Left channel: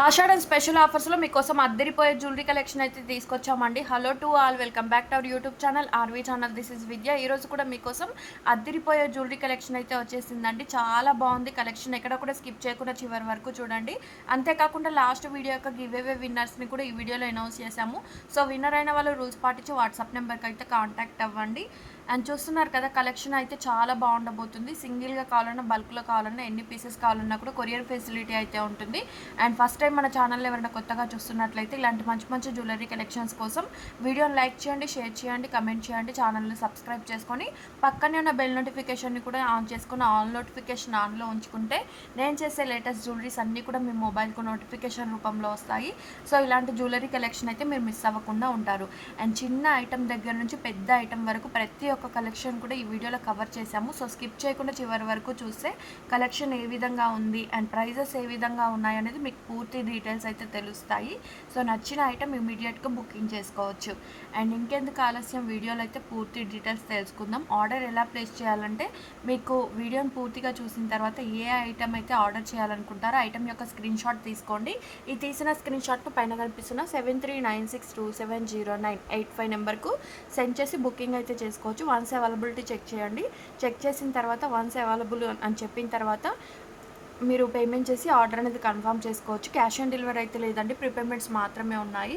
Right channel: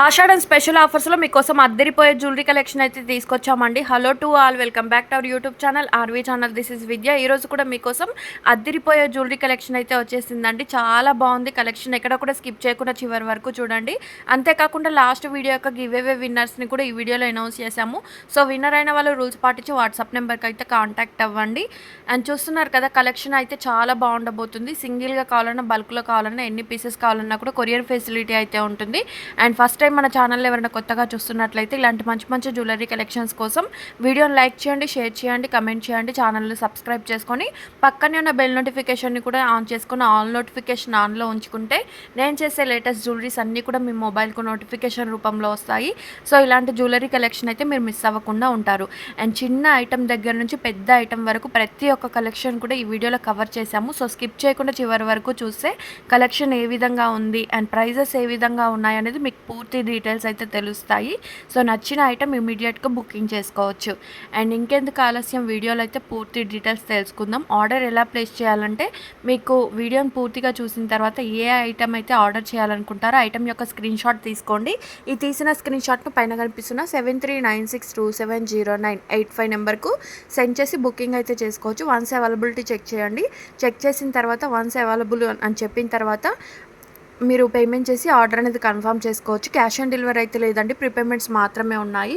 ఆషాఢం special ఆఫర్స్లో మీకోసం అద్దరిపోయే jewellery collection అయితే తీసుకొచ్చామండి. Hello to all, welcome back to our YouTube channel RV channel. This is Vidya. ఈరోజు కూడా మీకోసం అద్దరిపోయే జ్యువెలరీ కలెక్షన్ అయితే వచ్చేసిందండి. చాలా బాగుంది కలెక్షన్, ఎక్కడ కూడా స్కిప్ చేయకుండా చివరి వరకు చూడండి. అంతేకాకుండా లాస్ట్ వీడియో యొక్క గివ్ అవే విన్నర్స్ని కూడా ఈ వీడియోలో అనౌన్స్ చేశాము. సో విన్నర్ అయిన వాళ్ళు రూల్స్ పాటించి వాట్సాప్ నెంబర్కి అయితే కాంటాక్ట్ అవ్వండి. అండ్ చూస్తున్నారు కదా, కలెక్షన్ అయితే చాలా బాగుండబోతుంది. సింగిల్గా కావాలన్నా, బల్క్లో కావాలన్నా, ఎన్ని పీసెస్ కావాలన్నా కూడా కొరియర్ ఫెసిలిటీ అయితే ఉంటుంది. అండ్ ఫస్ట్ టైం మన ఛానల్ ఎవరైనా కొత్తగా చూస్తున్నట్లయితే ఇలాంటి మంచి మంచి జ్యువెలరీ కలెక్షన్స్ కోసం వీడియోని లైక్ చేయండి, షేర్ చేయండి, కమెంట్ చేయండి, ఛానల్ని సబ్స్క్రైబ్ చేసుకొని పక్కనే ఉన్న బెల్ నోటిఫికేషన్ని కూడా ఆన్ చేసుకొని ఆల్ నోటిఫికేషన్ ఆన్లో ఉంచుకుంటే నేను చేసే లేటెస్ట్ జ్యువెలరీస్ అన్నీ కూడా మీ మొబైల్కు నోటిఫికేషన్ రూపంలో వస్తాయి. సో ఇలాంటి జ్యువెలరీ కలెక్షన్ అయితే మీరు మిస్ అవ్వకుండా ఉంటారు. అండ్ చిన్న ఐటమ్ దగ్గర నుంచి పెద్ద ఐటమ్ వరకు ప్రతి ఒక్క కలెక్షన్ కూడా ఈ వీడియోలో కవర్ చేశాము. సో స్కిప్ చేయకుండా చివరి వరకు చూస్తే కలెక్షన్ ఏ విధంగా ఉంది అండ్ ప్రైజెస్ ఏ విధంగా ఉన్నాయి అనేది మీకు పూర్తి డీటెయిల్స్ అయితే తెలుస్తాయి. సో నచ్చిన ఐటమ్ ఇమీడియట్గా బుకింగ్ చేసుకోవచ్చు. అండ్ ఇంకెందుకు ఆలస్యం, వీడియోలో అయితే పూర్తి డీటెయిల్స్ తెలుసుకుందాం. ఆర్డర్ ఎలా ప్లేస్ చేయాలంటే మీకు వీడియోని పూర్తిగా చూసిన తర్వాత ఏ ఐటమ్ అయితే ఆర్డర్ చేయాలనుకుంటారో ఐటమ్ యొక్క స్క్రీన్ షాట్ తీసుకోండి. ఈ తీసిన స్క్రీన్ షాట్ను పైన కనిపిస్తున్న 7396270985 నెంబర్కు సెండ్ చేసి బుకింగ్ అయితే చేసుకోవచ్చు. వన్స్ అవైలబిలిటీ చెక్ చేయండి. చెక్ చేసిన తర్వాత వన్స్ అవైలబుల్ అని చెప్పిన తర్వాత మీరు పేమెంట్ చేసి ఆర్డర్ అనేది కన్ఫర్మ్ చేసుకోవచ్చు. క్యాష్ ఆన్ డెలివరీ అయితే లేదండి, ప్రీపేమెంట్స్ మాత్రమే ఉన్నాయి.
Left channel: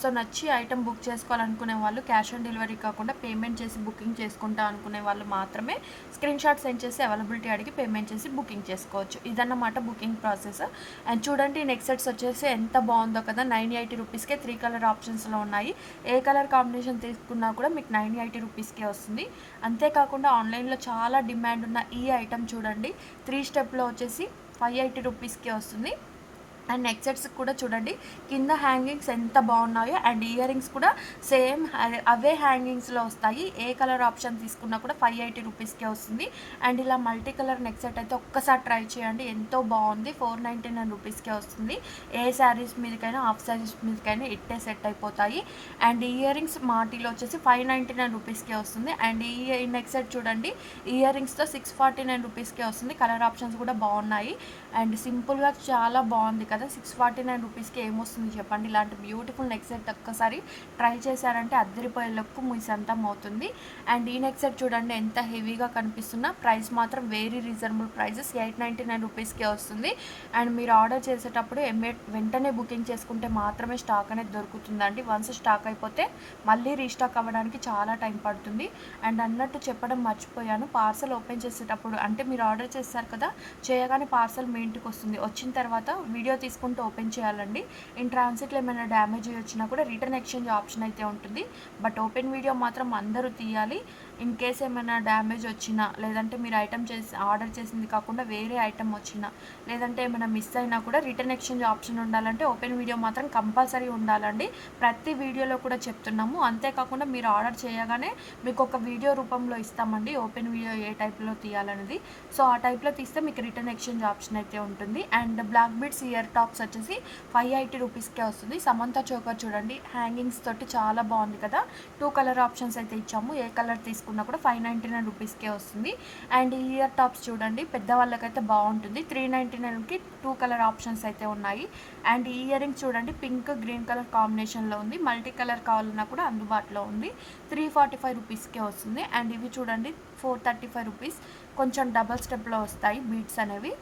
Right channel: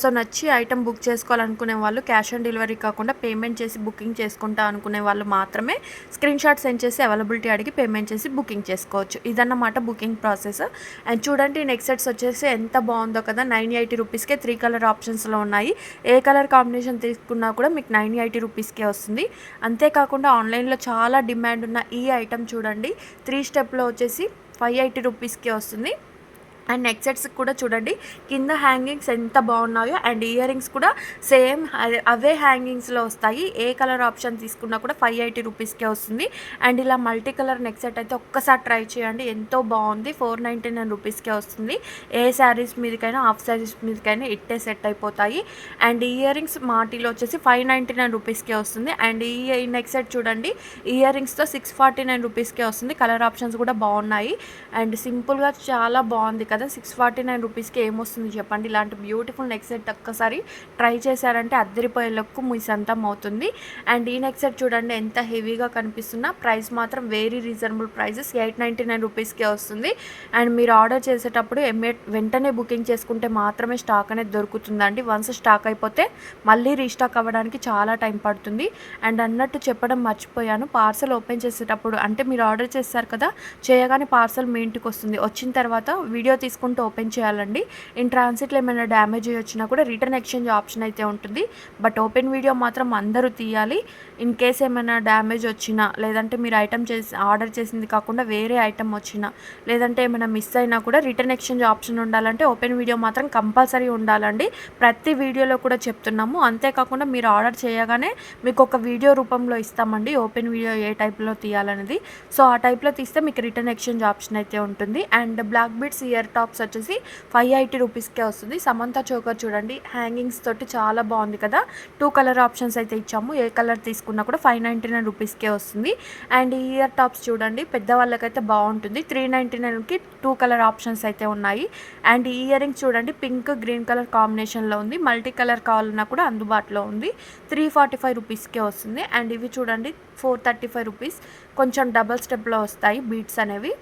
సో నచ్చి ఐటమ్ బుక్ చేసుకోవాలనుకునే వాళ్ళు క్యాష్ ఆన్ డెలివరీ కాకుండా పేమెంట్ చేసి బుకింగ్ చేసుకుంటా అనుకునే వాళ్ళు మాత్రమే స్క్రీన్ షాట్ సెండ్ చేసి అవైలబిలిటీ అడిగి పేమెంట్ చేసి బుకింగ్ చేసుకోవచ్చు. ఇదన్నమాట బుకింగ్ ప్రాసెస్. అండ్ చూడండి, నెక్స్ట్ సెట్స్ వచ్చేసి ఎంత బాగుందో కదా. 980 రూపీస్కే 3 కలర్ ఆప్షన్స్లో ఉన్నాయి. ఏ కలర్ కాంబినేషన్ తీసుకున్నా కూడా మీకు 980 రూపీస్కే వస్తుంది. అంతేకాకుండా ఆన్లైన్లో చాలా డిమాండ్ ఉన్న ఈ ఐటమ్ చూడండి, 3 స్టెప్లో వచ్చేసి 580 రూపీస్కి వస్తుంది. అండ్ నెక్ సెట్స్ కూడా చూడండి, కింద హ్యాంగింగ్స్ ఎంత బాగున్నాయో అండ్ ఇయర్ రింగ్స్ కూడా సేమ్ అవే హ్యాంగింగ్స్లో వస్తాయి. ఏ కలర్ ఆప్షన్ తీసుకున్నా కూడా 580 రూపీస్కే వస్తుంది. అండ్ ఇలా మల్టీ కలర్ నెక్ సెట్ అయితే ఒక్కసారి ట్రై చేయండి, ఎంతో బాగుంది. 499 రూపీస్కే వస్తుంది. ఏ శారీస్ మీదకైనా, హాఫ్ శారీస్ మీదకైనా ఇట్టే సెట్ అయిపోతాయి. అండ్ ఇయర్ రింగ్స్ మాటీలో వచ్చేసి 599 రూపీస్కే వస్తుంది. అండ్ ఈ నెక్ సెట్ చూడండి, ఇయర్ రింగ్స్తో 649 రూపీస్కే వస్తుంది. కలర్ ఆప్షన్స్ కూడా బాగున్నాయి అండ్ సింపుల్గా చాలా బాగుంది కదా. 649 రూపీస్కి ఏమొస్తుంది చెప్పండి. ఇలాంటి బ్యూటిఫుల్ నెక్ సెట్ ఒక్కసారి ట్రై చేశారంటే అద్దరిపోయే లుక్ మీ సొంతం అవుతుంది. అండ్ ఈ నెక్ సెట్ చూడండి ఎంత హెవీగా కనిపిస్తున్నా, ప్రైస్ మాత్రం వెరీ రీజనబుల్ ప్రైజెస్, 899 రూపీస్కే వస్తుంది. అండ్ మీరు ఆర్డర్ చేసేటప్పుడు వెంటనే బుకింగ్ చేసుకుంటే మాత్రమే స్టాక్ అనేది దొరుకుతుందండి. వన్స్ స్టాక్ అయిపోతే మళ్ళీ రీస్టాక్ అవ్వడానికి చాలా టైం పడుతుంది. అండ్ అన్నట్టు చెప్పడం మర్చిపోయాను, పార్సల్ ఓపెన్ చేసేటప్పుడు అంటే మీరు ఆర్డర్ చేస్తారు కదా, చేయగానే పార్సల్ మీ ఇంటికి వస్తుంది. వచ్చిన తర్వాత వీడియో తీసుకుంటూ ఓపెన్ చేయాలండి. ఇన్ ట్రాన్సిట్లో ఏమైనా డ్యామేజ్ వచ్చినా కూడా రిటర్న్ ఎక్స్చేంజ్ ఆప్షన్ అయితే ఉంటుంది. బట్ ఓపెన్ వీడియో మాత్రం అందరూ తీయాలి. ఇన్ కేస్ ఏమైనా డ్యామేజ్ వచ్చినా, లేదంటే మీరు ఐటమ్ ఆర్డర్ చేసింది కాకుండా వేరే ఐటమ్ వచ్చినా, లేదంటే ఏమైనా మిస్ అయినా కూడా రిటర్న్ ఎక్స్చేంజ్ ఆప్షన్ ఉండాలంటే ఓపెన్ వీడియో మాత్రం కంపల్సరీ ఉండాలండి. ప్రతి వీడియోలో కూడా చెప్తున్నాము. అంతేకాకుండా మీరు ఆర్డర్ చేయగానే మీకు ఒక వీడియో రూపంలో ఇస్తామండి, ఓపెన్ వీడియో ఏ టైప్లో తీయాలనేది. సో ఆ టైప్లో తీస్తే మీకు రిటర్న్ ఎక్స్చేంజ్ ఆప్షన్ అయితే ఉంటుంది. And black beads ear tops వచ్చేసి 580 రూపీస్కే వస్తుంది. సమంత చోకర్ చూడండి, హ్యాంగింగ్స్ తోటి చాలా బాగుంది కదా. 2 కలర్ ఆప్షన్స్ అయితే ఇచ్చాము. ఏ కలర్ తీసుకున్నా కూడా 599 రూపీస్కే వస్తుంది. అండ్ ఇయర్ టాప్స్ చూడండి, పెద్దవాళ్ళకైతే బాగుంటుంది. 399కి 2 కలర్ ఆప్షన్స్ అయితే ఉన్నాయి. అండ్ ఈ ఇయర్ రింగ్స్ చూడండి, పింక్ గ్రీన్ కలర్ కాంబినేషన్లో ఉంది. మల్టీ కలర్ కావాలన్నా కూడా అందుబాటులో ఉంది. 345 రూపీస్కే వస్తుంది. అండ్ ఇవి చూడండి 435 రూపీస్, కొంచెం డబల్ స్టెప్లో వస్తాయి బీడ్స్ అనేవి.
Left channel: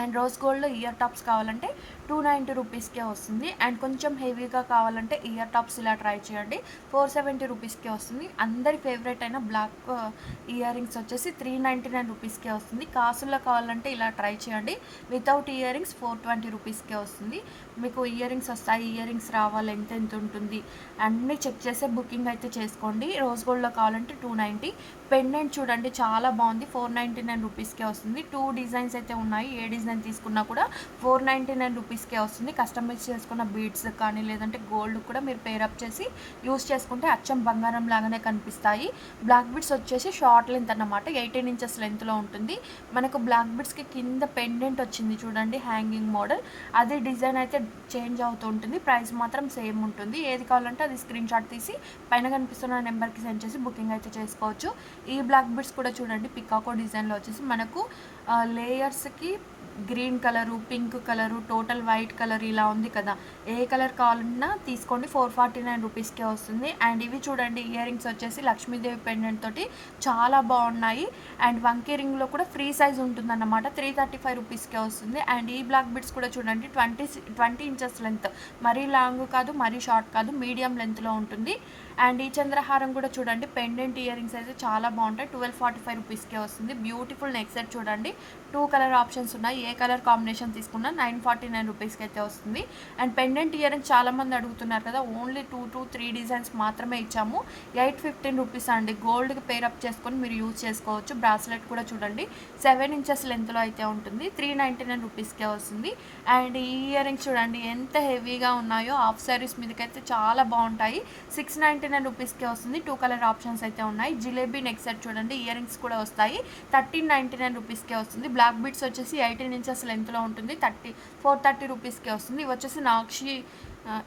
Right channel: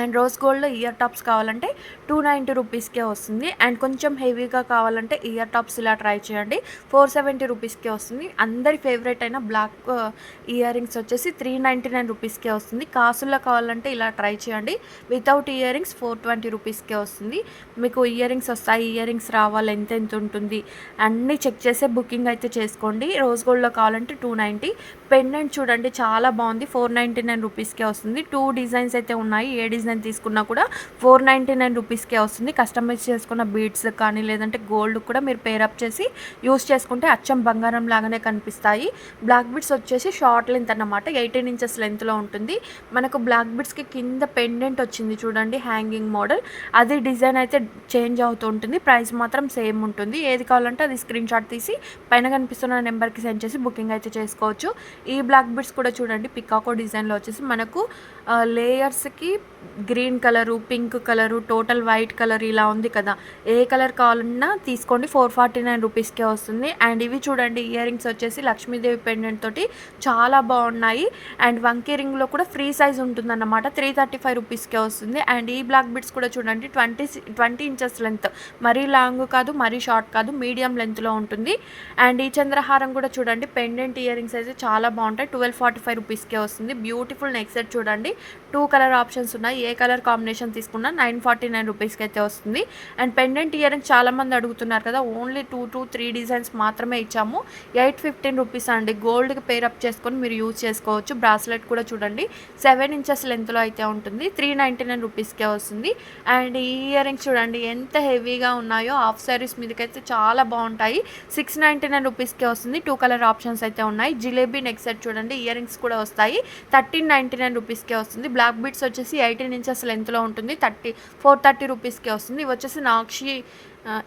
అండ్ రోజ్ గోల్డ్లో ఇయర్ టాప్స్ కావాలంటే 290 రూపీస్కే వస్తుంది. అండ్ కొంచెం హెవీగా కావాలంటే ఇయర్ టాప్స్ ఇలా ట్రై చేయండి, 470 రూపీస్కే వస్తుంది. అందరి ఫేవరెట్ అయిన బ్లాక్ ఇయర్ రింగ్స్ వచ్చేసి 399 రూపీస్కే వస్తుంది. కాసుల్లో కావాలంటే ఇలా ట్రై చేయండి, వితౌట్ ఇయర్ రింగ్స్ 420 రూపీస్కే వస్తుంది. మీకు ఇయర్ రింగ్స్ వస్తాయి, ఇయర్ రింగ్స్ రావాలి, ఎంత ఉంటుంది అన్నీ చెక్ చేసే బుకింగ్ అయితే చేసుకోండి. రోజ్ గోల్డ్లో కావాలంటే 290. పెండెంట్ చూడండి చాలా బాగుంది, 499 రూపీస్కే వస్తుంది. 2 డిజైన్స్ అయితే ఉన్నాయి. ఏ డిజైన్ తీసుకున్నా కూడా 499 రూపీస్కే వస్తుంది. కస్టమైజ్ చేసుకున్న బీడ్స్ కానీ లేదంటే గోల్డ్ కూడా మీరు పేరప్ చేసి యూస్ చేసుకుంటే అచ్చం బంగారం లాగానే కనిపిస్తాయి. బ్లాక్ బీడ్స్ వచ్చేసి షార్ట్ లెంత్ అన్నమాట, 18 ఇంచెస్ లెంత్లో ఉంటుంది. మనకు బ్లాక్ బీడ్స్కి కింద పెండెంట్ వచ్చింది చూడండి, హ్యాంగింగ్ మోడల్. అది డిజైన్ అయితే చేంజ్ అవుతూ ఉంటుంది, ప్రైస్ మాత్రం సేమ్ ఉంటుంది. ఏది కావాలంటే అది స్క్రీన్ షాట్ తీసి పైన కనిపిస్తున్న నెంబర్కి సెండ్ చేసి బుకింగ్ అయితే చేసుకోవచ్చు. ఈ బ్లాక్ బీడ్స్ కూడా చూడండి పికాకో డిజైన్లో వచ్చేసి మనకు లేయర్స్కి green colour, pink colour, total white colour ఇలా ఉంది కదా, ఏ కలర్ కావాలన్నా తీసుకోండి. 449 రూపీస్కే వస్తుంది. అండ్ ఇవి చూడండి ఇయర్ రింగ్స్ వచ్చేసి లక్ష్మీదేవి పెండెంట్ తోటి చాలా బాగున్నాయి. అండ్ వంకీ రింగ్లో కూడా ఫ్రీ సైజ్ ఉంటుందన్నమాట. 335 రూపీస్కే వస్తుంది. అండ్ ఈ బ్లాక్ బిట్స్ కూడా చూడండి 20 ఇంచెస్ లెంత్, మరీ లాంగ్ కాదు మరీ షార్ట్ కాదు, మీడియం లెంత్లో ఉంటుంది. అండ్ ఈ చంద్రహారం కూడా చూడండి పెండెంట్ ఇయర్ రింగ్స్ అయితే చాలా బాగుంటాయి. 1245 రూపీస్కే వస్తుంది. బ్యూటిఫుల్ నెక్ సెట్ చూడండి, 2 కలర్ ఆప్షన్స్ ఉన్నాయి. ఏ కలర్ కాంబినేషన్ తీసుకున్నా 949 రూపీస్కి అయితే వస్తుంది. అండ్ పెండెంట్ ఇయర్ రింగ్స్ చాలామంది అడుగుతున్నారు కదా, ఓన్లీ 2 to 3 డిజైన్స్ మాత్రమే ఇచ్చాము. 815 రూపీస్ అండి. గోల్డ్కి పేరప్ చేసుకొని మీరు యూజ్ చేసుకోవచ్చు. బ్రాస్లెట్ కూడా చూడండి 7 ఇంచెస్ లెంత్లో అయితే ఉంటుంది. 399 రూపీస్కే వస్తుంది. అండ్ ఈ ఇయర్ రింగ్స్ చూడండి ఎంత హెవీగా ఉన్నాయో, హాఫ్ శారీస్ మీదకైతే చాలా బాగుంటాయి. 699 రూపీస్కే వస్తుంది. 2 కలర్ ఆప్షన్స్ అయితే ఉన్నాయి. జిలేబీ నెక్ సెట్ చూడండి ఇయర్ రింగ్స్ కూడా వస్తాయి. 1399 రూపీస్కే వస్తుంది. బ్లాక్ బీడ్స్ వచ్చేసి 18 ఇంచెస్ లెంత్లో ఉంటుంది. 430 రూపీస్కే వస్తుంది. ఇవి వచ్చేసి నాక్షి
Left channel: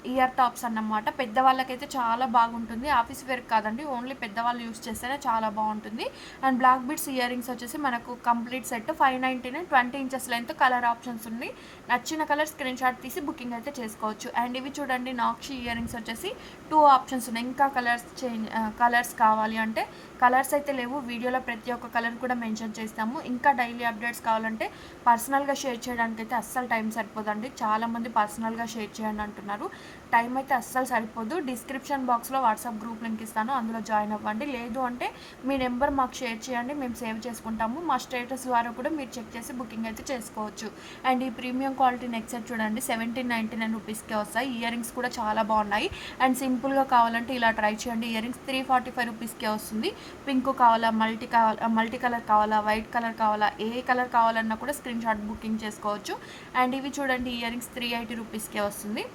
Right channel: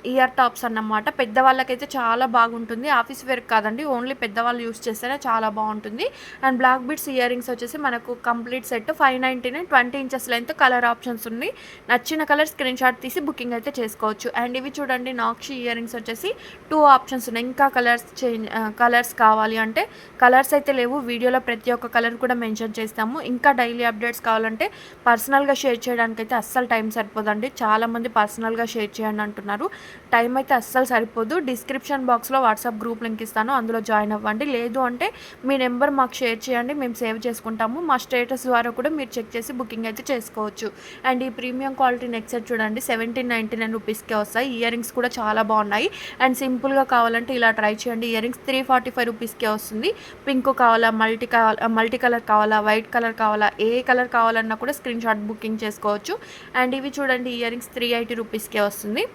ఇయర్ టాప్స్ అన్నమాట. పెద్దవాళ్ళకైతే చాలా బాగుంటుంది. ఆఫీస్ వేర్ కాదండి, ఓన్లీ పెద్దవాళ్ళు యూస్ చేస్తేనే చాలా బాగుంటుంది. And black beads earrings వచ్చేసి మనకు complete set 599, 20 inches length, colour options ఉన్నాయి. నచ్చిన కలర్ స్క్రీన్ షాట్ తీసి బుకింగ్ అయితే చేసుకోవచ్చు. అండ్ ఇవి చూడండి నాక్షి ఇయర్ రింగ్స్ వచ్చేసి 2 ఆప్షన్స్ ఉన్నాయి. ఇంకా కలర్స్ కావాలి అంటే కలర్స్ అయితే లేవు, వీడియోలో ప్రతి ఒక్క కలర్ కూడా మెన్షన్ చేస్తాము. ఇంకా డైలీ అప్డేట్స్ కావాలంటే పర్సనల్గా షేర్ చేయడానికి అయితే అస్సలు టైం సరిపోదండి. చాలామంది పర్సనల్గా షేర్ చేయండి అంటున్నారు. టైం అయితే అస్సలు సరిపోదు. డిస్క్రిప్షన్ బాక్స్లో వాట్సాప్ గ్రూప్ లింక్ ఇస్తాను, అందులో జాయిన్ అవ్వండి. లేదు అంటే మీ నెంబర్ మాకు షేర్ చేయండి, మేము సేవ్ చేసుకుంటాము. మా స్టేటస్ ద్వారా కూడా మీరు చెక్ చేసి బుకింగ్ అయితే చేసుకోవచ్చు. అండ్ ఈ ప్రీమియం క్వాలిటీ నెక్ సెట్ చూడండి 1799 రూపీస్కే వస్తాయి. ఇయర్ రింగ్స్ కూడా చాలా బాగున్నాయి. అండ్ సింపుల్గా కావాలంటే ఇలా ట్రై చేయండి. ఇయర్ రింగ్స్ 345 రూపీస్కే వస్తుంది. పింక్ కావాలా, మల్టీ కలర్ కావాలా, వైట్ కలర్ కావాలా, ఏ కలర్ కావాలన్నా కూడా స్క్రీన్ షాట్ బుకింగ్ చేసుకోవచ్చు. అండ్ ఇవి చూడండి ఇయర్ రింగ్స్ 380 రూపీస్కే వస్తుంది.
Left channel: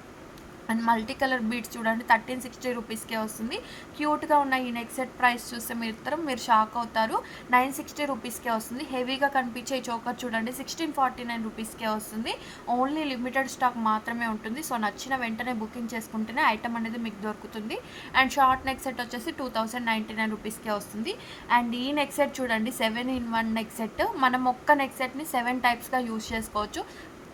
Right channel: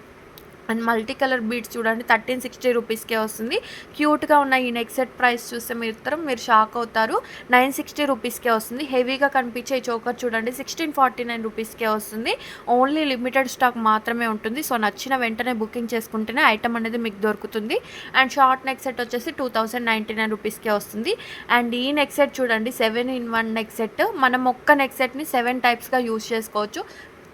అండ్ మల్టీ కలర్ బీడ్స్ చూడండి 1360 రూపీస్కే వస్తుంది. క్యూట్గా ఉన్న ఈ నెక్ సెట్ ప్రైస్ చూస్తే మీరు షాక్ అవుతారు. 960 రూపీస్కే వస్తుంది. హెవీగా కనిపించే ఈ చోకర్ చూడండి 1649 రూపీస్కే వస్తుంది. ఓన్లీ లిమిటెడ్ స్టాక్ మాత్రమే ఉంటుంది. సో నచ్చిన వెంటనే బుకింగ్ చేసుకుంటేనే ఐటమ్ అనేది మీకు దొరుకుతుంది. అండ్ షార్ట్ నెక్ సెట్ వచ్చేసి 2099 రూపీస్కే వస్తుంది. అండ్ ఈ నెక్ సెట్ చూడండి 7-in-1 నెక్ సెట్. మనం ఒక్క నెక్ సెట్ని 7 టైప్స్గా యూజ్ చేసుకోవచ్చు.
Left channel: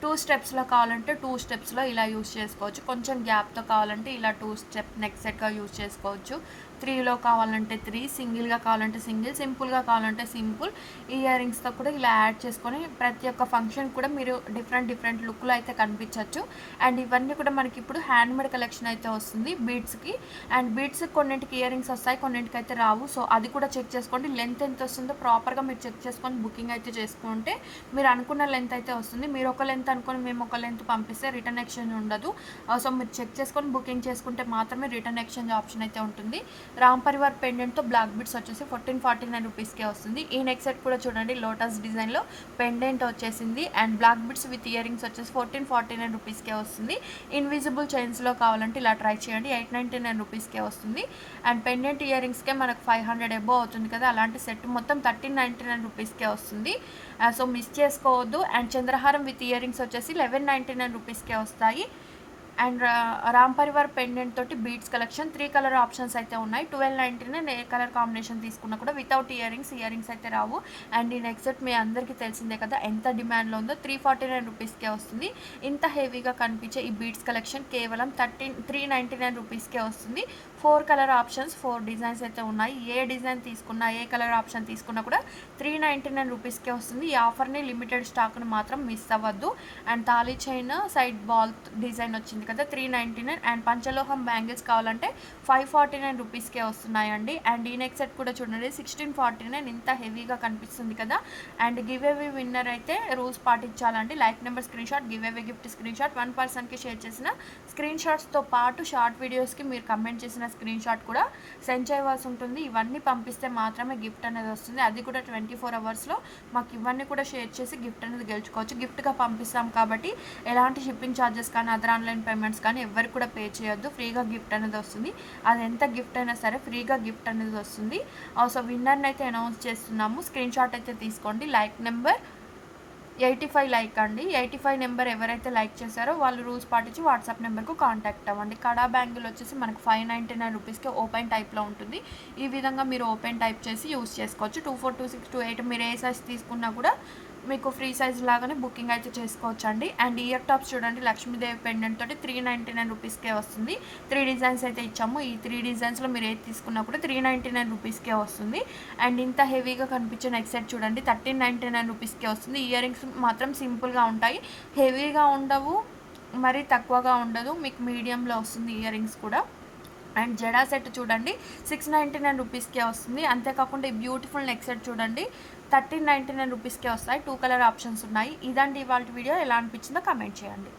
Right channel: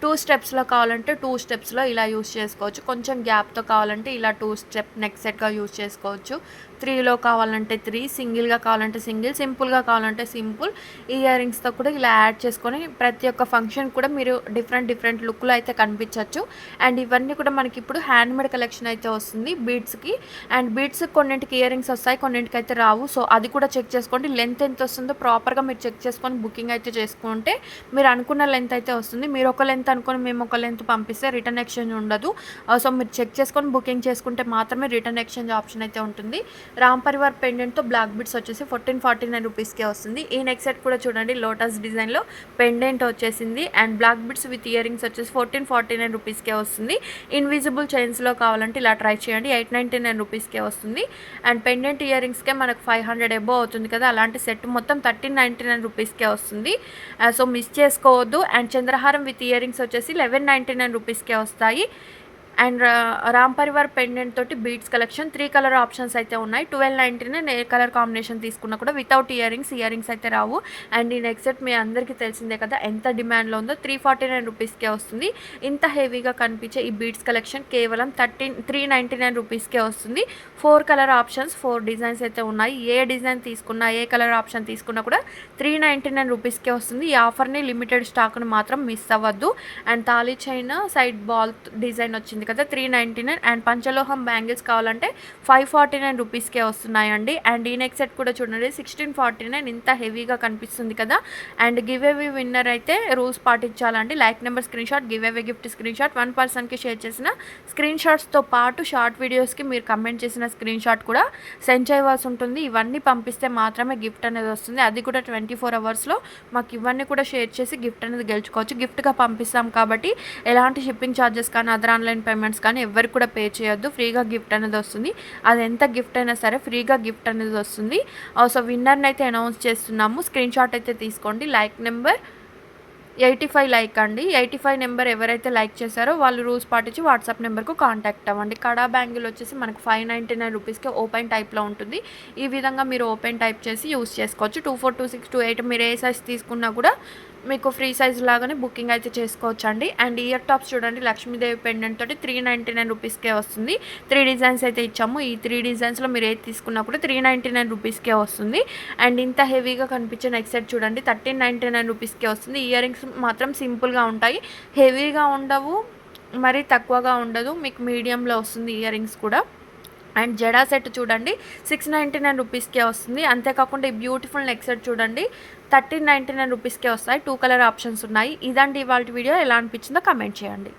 2 స్టెప్స్లో కావాలంటే 2 స్టెప్స్లో ఇలా యూస్ చేసుకోవచ్చు. కొంచెం గ్యాప్తో కావాలంటే ఇలా 2 స్టెప్ నెక్ సెట్గా యూస్ చేసుకోవచ్చు. 3లో కావాలంటే 3, సింగిల్గా కావాలంటే సింగిల్, సింపుల్గా కావాలంటే సింపుల్. ఇయర్ రింగ్స్తో కూడా ఇలా యాడ్ చేసుకొని ప్రతి ఒక్క ఫంక్షన్ కూడా మీరు డిఫరెంట్ లుక్లో అయితే కనిపించవచ్చు. అండ్ ఇవన్నీ కూడా మనకి ఇప్పుడు హ్యాండ్మేడ్ కలెక్షన్ అయితే వస్తుంది బీడ్స్కి. అండ్ బీడ్స్ కొన్నింటికి ఇయర్ రింగ్స్ వస్తాయి, కొన్నింటికి అయితే రావు. సో అది కూడా చెక్ చేసుకోండి. లెంత్ ఎంత వస్తుందో ప్రాపర్గా మీరు చెక్ చేసుకొని బుకింగ్ అయితే చేసుకుంటే మీరు అనుకున్న లెంత్ అయితే వస్తుంది. మీరు ఒక లెంత్ అనుకొని మేము ఒక లెంత్ పంపిస్తే రిటర్న్ ఎక్స్చేంజ్ ఉండదు. సో మీరు చెక్ చేసుకొని బుకింగ్ చేసుకుంటే మాత్రమే రిటర్న్ ఎక్స్చేంజ్ ఆప్షన్ అయితే ఉంటుంది. రామ్ పరివార్ పెండెంట్తో బ్లాక్ బిట్స్ వచ్చేసి 1449 రూపీస్కే వస్తుంది. ఈ నెక్ సెట్ కూడా చూడండి లోటస్ డిజైన్లో పెండెంట్ వచ్చేసింది. And black beads with earrings వచ్చేసి 1449 రూపీస్కే వస్తుంది. ఇన్విజిబుల్ చైన్స్లో కావాలంటే ఇలా ట్రై చేయండి, 899 రూపీస్కే వస్తుంది. అండ్ పెండెంట్ ఇయర్ రింగ్స్కే మనకు 500 ఎబో అవుతుంది కదా, అలాంటి సెట్ మొత్తం 1399 రూపీస్కే వస్తుంది. సో మిస్ చేసుకోవద్దు. అండ్ చంద్రహారం విత్ ఇయర్ రింగ్స్ వచ్చేసి 1199 రూపీస్కే వస్తాయి. అండ్ రామ్ పరివార్ పెండెంట్ తోటి బీడ్స్ కలెక్షన్ 3 కలర్ ఆప్షన్స్ అయితే ఉన్నాయి. 1299 ఏ కలర్ కాంబినేషన్ తీసుకున్నా కూడా వితౌట్ ఇయర్ రింగ్స్ అయితే రావు. అండ్ ఈ నెక్ సెట్ మీ అందరికీ తెలిసిందే కదా ఎంత డిమాండ్లో ఉందో, 349 రూపీస్కే వస్తుంది. ఇంత హెవీగా కనిపించే ఈ బీడ్స్ కలెక్షన్ కేవలం 399 రూపీస్కే వస్తుంది. 4 కలర్ ఆప్షన్స్, 4 డిజైన్స్ అయితే ఉన్నాయి. ఏ డిజైన్ తీసుకున్నా, ఏ కలర్ ఆప్షన్ తీసుకున్నా కూడా 399 రూపీస్కే వస్తుంది. ఈ ఆఫర్ని లిమిటెడ్ స్టాక్ను మాత్రం మిస్ అవ్వద్దు. And thali chain side ball design వచ్చింది కదా 399. అండ్ పంచలోహం బ్యాంగిల్స్ కావాలంటే 549 రూపీస్కే వస్తున్నాయండి. అండ్ ఈ నెక్ సెట్ కూడా చూడండి 1649, ఇంత హెవీగా కనిపిస్తుంది కదా. అండ్ గివ్ అవే విన్నర్ అయితే రూల్స్ పాటించాలండి. Like number screenshot, give away gift screenshot, 1 పర్సన్కి షేర్ చేసిన స్క్రీన్ షాట్స్తో పాటు షార్ట్ వీడియోస్కి మీరు కమెంట్ చేసిన స్క్రీన్ షాట్ కూడా సెండ్ చేయవలసి ఉంటుంది. ఇవన్నీ పంపిస్తే మాత్రమే గిఫ్ట్ అనేది వస్తుంది. అది కూడా 24 అవర్స్లో మాకు ఇవన్నీ కూడా షేర్ చేసి గిఫ్ట్ అనేది గెలుచుకోవచ్చు. గిఫ్ట్గా పంపిస్తాం కాబట్టి ఎలాంటి షిప్పింగ్ ఛార్జెస్ కానీ అదర్ ఆన్లైన్ పేమెంట్స్ కానీ ఎవరికి కూడా పే చేయొద్దు. ఫ్రీగా గిఫ్ట్ అనేది వస్తుంది. అది ఎంత గిఫ్ట్ అయినా సరే ఫ్రీగా గిఫ్ట్ అనేది వస్తుంది. సో విన్నర్ని అయితే అనౌన్స్ చేస్తున్నాము. స్క్రీన్ షాట్ అయితే తీసుకోండి. లైక్ నెంబర్ 85 లైక్ అండి. 85 నెంబర్ ఎవరైతే లైక్ చేశారో వాళ్ళు రూల్స్ పాటించి వాట్సాప్ నెంబర్‌కు కాంటాక్ట్ అవ్వండి. కడా బ్యాంగిల్ వచ్చేసి మనకు 599 రూపీస్‌కి ఓపెన్ టైప్‌లో ఉంటుంది. ఈ విధంగా మీరు ఓపెన్ టైప్ చేసి యూజ్ చేసుకోవచ్చు. 24, 26, 28 మీరు ఏ సైజ్ తీసుకున్నా కూడా మీకు ఫ్రీ సైజ్ లాగానే బుకింగ్ అయితే చేసుకోవచ్చండి. అండ్ ఇయర్ టాప్స్ చూడండి, లక్ష్మీదేవి పెండెంట్ తోటి 399 రూపీస్‌కే వస్తుంది. 3 డిజైన్స్ అయితే ఇచ్చాము. ఈ 3 డిజైన్స్‌లో మీరు ఏది తీసుకున్నా కూడా 399 రూపీస్‌కే వస్తుంది. అండ్ ఇంత హెవీగా కనిపించే నెక్ సెట్ చూడండి 1399 రూపీస్‌కే వస్తుంది. ఇయర్ రింగ్స్ మాత్రం సింపుల్‌గా ఉంటాయి, హెవీగా ఉండవు, మరీ తక్కువగా ఉండదు, మీకు మీడియంలో వస్తుంది ఇయర్ రింగ్స్ కూడా. అండ్ జడా సెట్ చూడండి 699 రూపీస్కే వస్తుంది. అంతేకాకుండా ఈ బ్యూటిఫుల్ నెక్ సెట్ చూడండి 1399 రూపీస్కే వస్తాయి. 2 కలర్ ఆప్షన్స్ ఉన్నాయి. ఇదండి ఇవాల్టి వీడియో. ఎలా అనిపించిందో కమెంట్ చేయండి.